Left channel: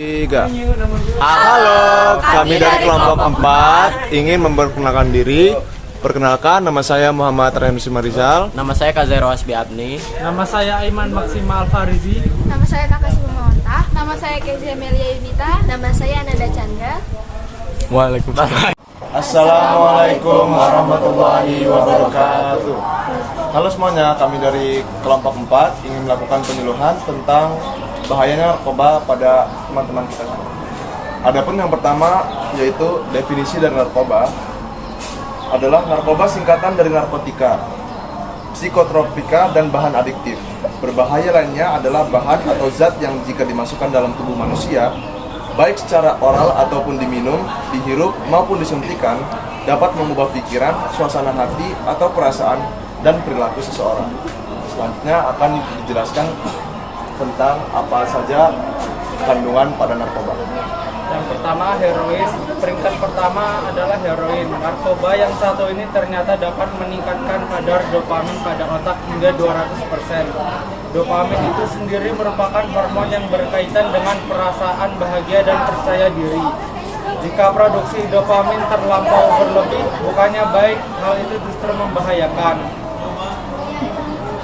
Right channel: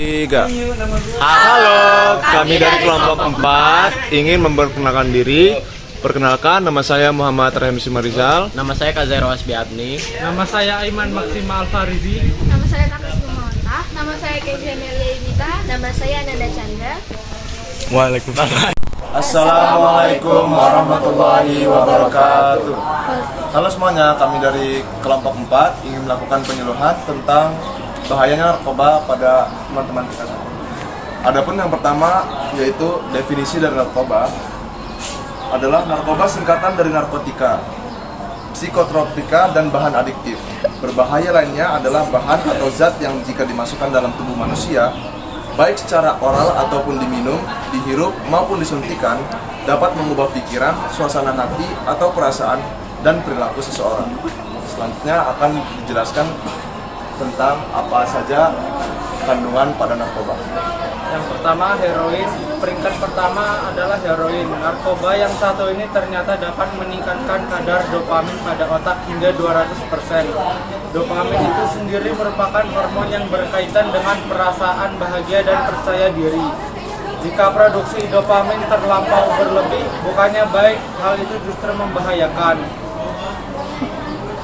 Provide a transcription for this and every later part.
Tiga. Halo, kami dari kelompok 4 ingin memperkenalkan diri. Perkenalkan, nama saya Muhammad Rahim Simarizal. Nama saya Kazairo Asbi Abni. Nama saya Aiman Maksima Alfarizi. Nama saya Takasima Mawanta. Nama saya Kejuan Elita. Nama saya Ananda Chandra. Waalaikumsalam. Assalamualaikum warahmatullahi wabarakatuh. Halo semuanya, kami dari kelompok 4 ingin melakukan penyuluhan tentang bahayanya narkoba pada teman-teman kita semua. Adapun yang pertama yaitu definisi dari narkoba adalah narkoba singkatan dari narkotika, psikotropika, dan bahan adiktif. Berbahaya lainnya adalah bahan atau zat yang jika dimasukkan dalam tubuh manusia, baik secara oral ataupun diminum, dihirup maupun disuntikan, dapat mengubah pikiran, suasana hati, atau perasaan dan perilaku seseorang. Selanjutnya akan dijelaskan tentang apa saja kandungan pada narkoba. Yang pertama heroin. Peringkat pertama adalah heroin. Narkoba yang satu ini ternyata dapat meningkatkan kadar dopamin pada otak hingga 200%. Dopamin itu sendiri merupakan hormon yang berkaitan dengan perasaan bahagia dan percaya diri. Jika produksi dopamin terlampau berlebih, bukannya baik, hal itu justru membahayakan.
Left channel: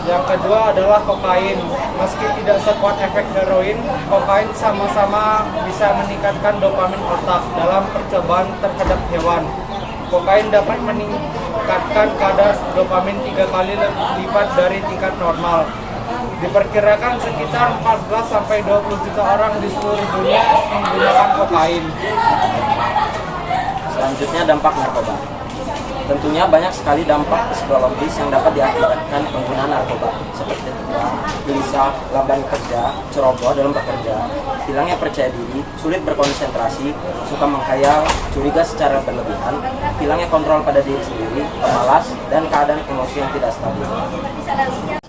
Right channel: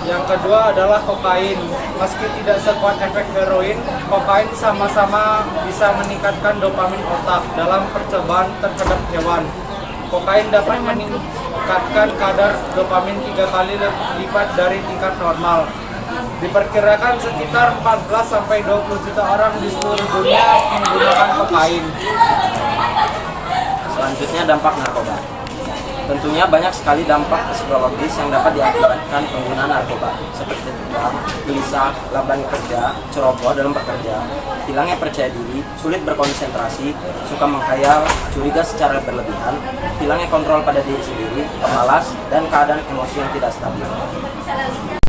Yang kedua adalah kokain. Meski tidak sekuat efek heroin, kokain sama-sama bisa meningkatkan dopamin otak dalam percobaan terhadap hewan. Kokain dapat meningkatkan kadar dopamin 3 kali lipat dari tingkat normal. Diperkirakan sekitar 14-20 juta orang di seluruh dunia menggunakan kokain. Selanjutnya dampak narkoba. Tentunya banyak sekali dampak psikologis yang dapat diakibatkan penggunaan narkoba, seperti tegang, gelisah, lamban kerja, ceroboh dalam bekerja, hilangnya percaya diri, sulit berkonsentrasi, suka menghayal, curiga secara berlebihan, hilangnya kontrol pada diri sendiri, pemalas, dan keadaan emosi yang tidak stabil.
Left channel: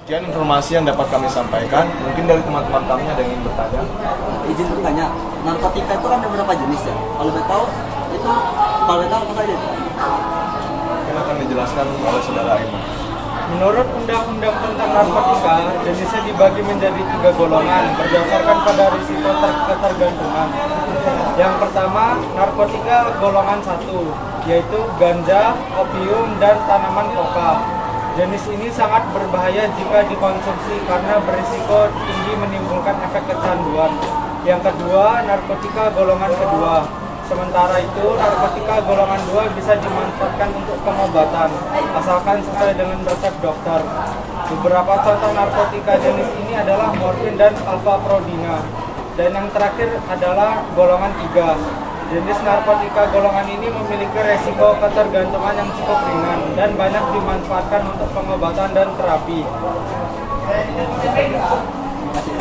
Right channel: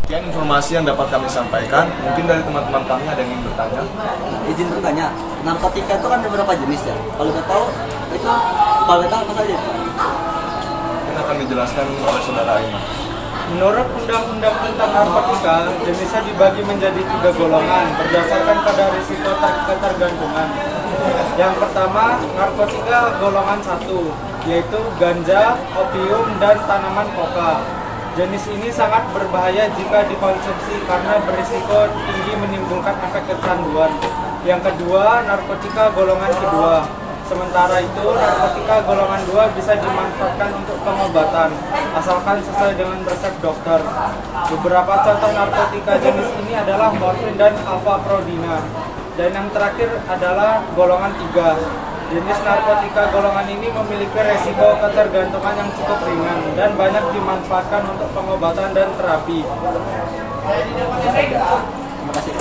Sekian informasi yang dapat kami sampaikan. Mungkin dari teman-teman kami ada yang ingin bertanya. Izin bertanya, narkotika itu kan ada berapa jenis ya? Kalau saya tahu, itu kalau saya tahu apa saja itu? Ini akan dijelaskan oleh saudara Aiman. Menurut Undang-Undang tentang narkotika, jenisnya dibagi menjadi 3 golongan berdasarkan pada risiko ketergantungan. Yang pertama, narkotika golongan 1, yaitu ganja, opium, dan tanaman koka. Jenis ini sangat berbahaya jika dikonsumsi karena berisiko tinggi menimbulkan efek kecanduan. Yang kedua, narkotika golongan kedua. Sementara itu, narkotika golongan 2 bisa dimanfaatkan untuk pengobatan, asalkan sesuai dengan resep dokter. Beberapa contoh narkotika jenis ini adalah morfin dan alfa-prodina. Dan yang terakhir adalah golongan 3. Jenis narkotika golongan ini memiliki resiko ketergantungan yang cukup ringan dan banyak dimanfaatkan untuk pengobatan dan terapi. Terima kasih.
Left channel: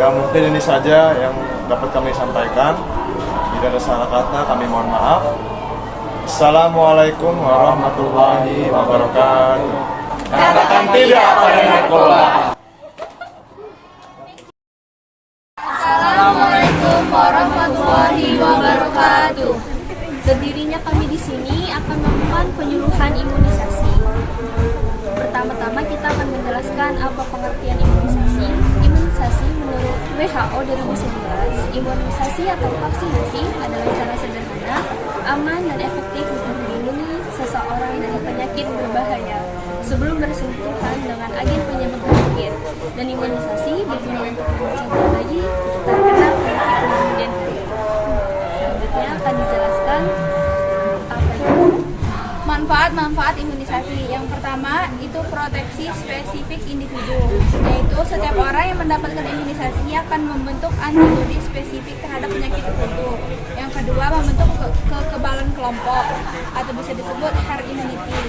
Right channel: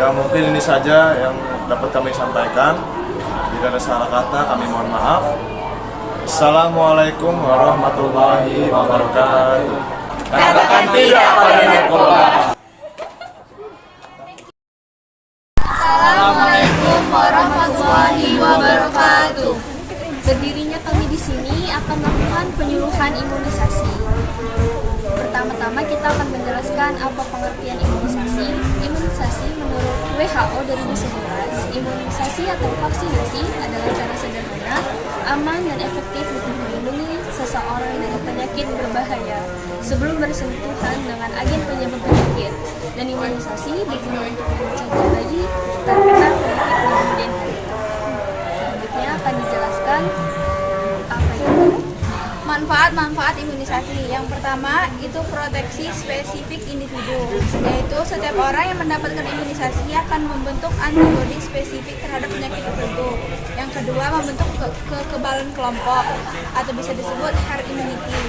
Ya, mungkin ini saja yang dapat kami sampaikan. Jika ada salah kata, kami mohon maaf. Assalamualaikum warahmatullahi wabarakatuh. Katakan tidak pada narkoba. Assalamualaikum warahmatullahi wabarakatuh. Berdirinya kami di sini akan melakukan penyuluhan imunisasi. Pertama-tama kita akan menjelaskan apa pengertian imunisasi. Imunisasi menurut WHO 2011, imunisasi atau vaksinasi adalah cara sederhana, aman, dan efektif untuk melindungi seseorang dari penyakit berbahaya sebelum bersentuhan dengan agen penyebab penyakit. Dan imunisasi berguna untuk mencegah bayi terkena penyakit di kemudian hari. Selanjutnya akan dijelaskan apa itu. Manfaat imunisasi. Yang pertama itu proteksi spesifik individu, yaitu setiap orang yang mendapatkan imunisasi akan membentuk antibodi spesifik terhadap penyakit tertentu. Yang kedua, membentuk kekebalan kelompok atau bisa disebut herd immunity.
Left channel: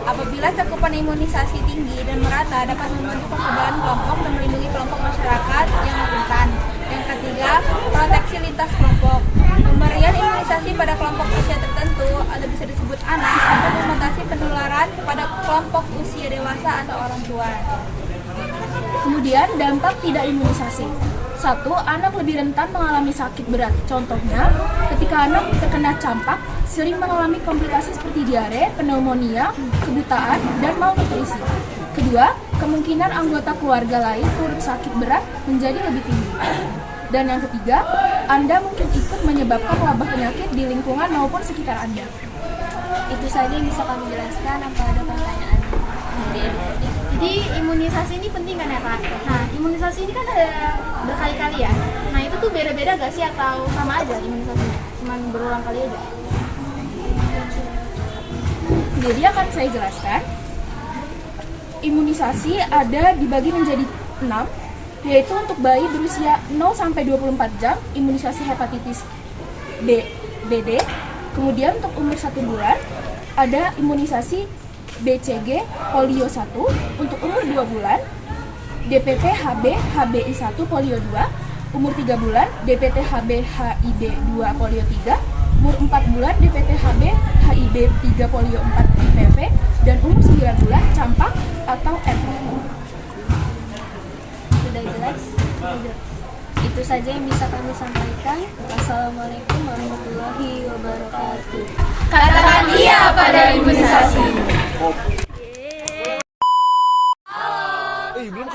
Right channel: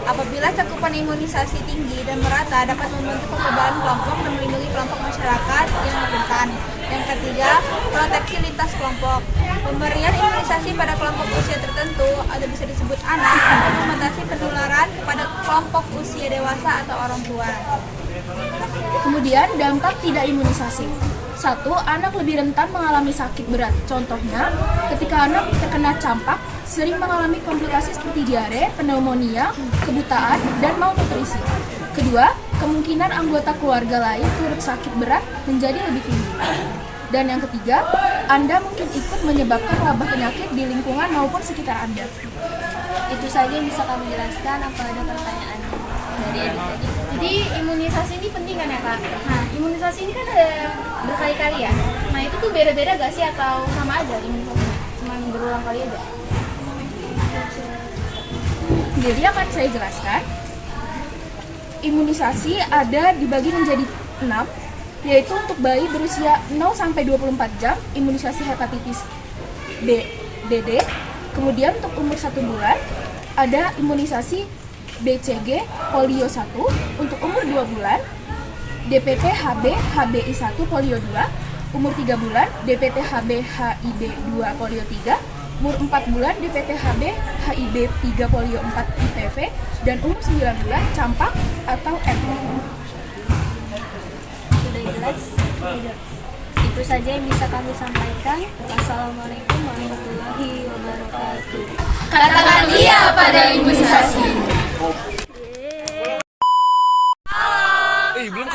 Apabila cakupan imunisasi tinggi dan merata, dapat membentuk kekebalan kelompok dan melindungi kelompok masyarakat yang rentan. Yang ketiga, proteksi lintas kelompok. Pemberian imunisasi pada kelompok usia tertentu atau bisa disebut anak untuk membatasi penularan kepada kelompok usia dewasa atau orang tua. Kemudian dampak tidak imunisasi. 1. Anak lebih rentan mengalami sakit berat. Contohnya, ketika anak terkena campak, sering mengalami komplikasi seperti diare, pneumonia, kebutaan, dan malnutrisi. Kedua, kemungkinan anggota keluarga lain turut sakit berat menjadi lebih tinggi. Dan yang ketiga, Anda mungkin ikut menyebabkan wabah penyakit di lingkungan maupun sekitar Anda. Itu saja yang bisa kami jelaskan. Apa ada pertanyaan dari Edu? Jadi imunisasi ini penting kan ya Kak? Nah, imunisasi ini kan ada berkali-kali ya. Nah itu tuh beda-beda gak sih atau sama aja imunisasinya? Cuman berulang kali aja? Jadi akan saya jelaskan. Imunisasi ada dibagi menjadi 6, yaitu untuk bayi berusia 0 sampai 24 jam, imunisasi hepatitis BD. Kemudian untuk umur 1 bulan ada imunisasi BCG polio 1, untuk umur 2 bulan DPT HB HBI1 polio 2, umur 3 bulan DPT HB HIB 2 polio 3, umur 4 bulan DPT HB HIB 3 polio 4 IPV, dan umur 9 bulan campak atau MPV. Sudah jelas? Itu saja yang bisa kami sampaikan. Wassalamualaikum warahmatullahi wabarakatuh. Katakan iya pada imunisasi. belum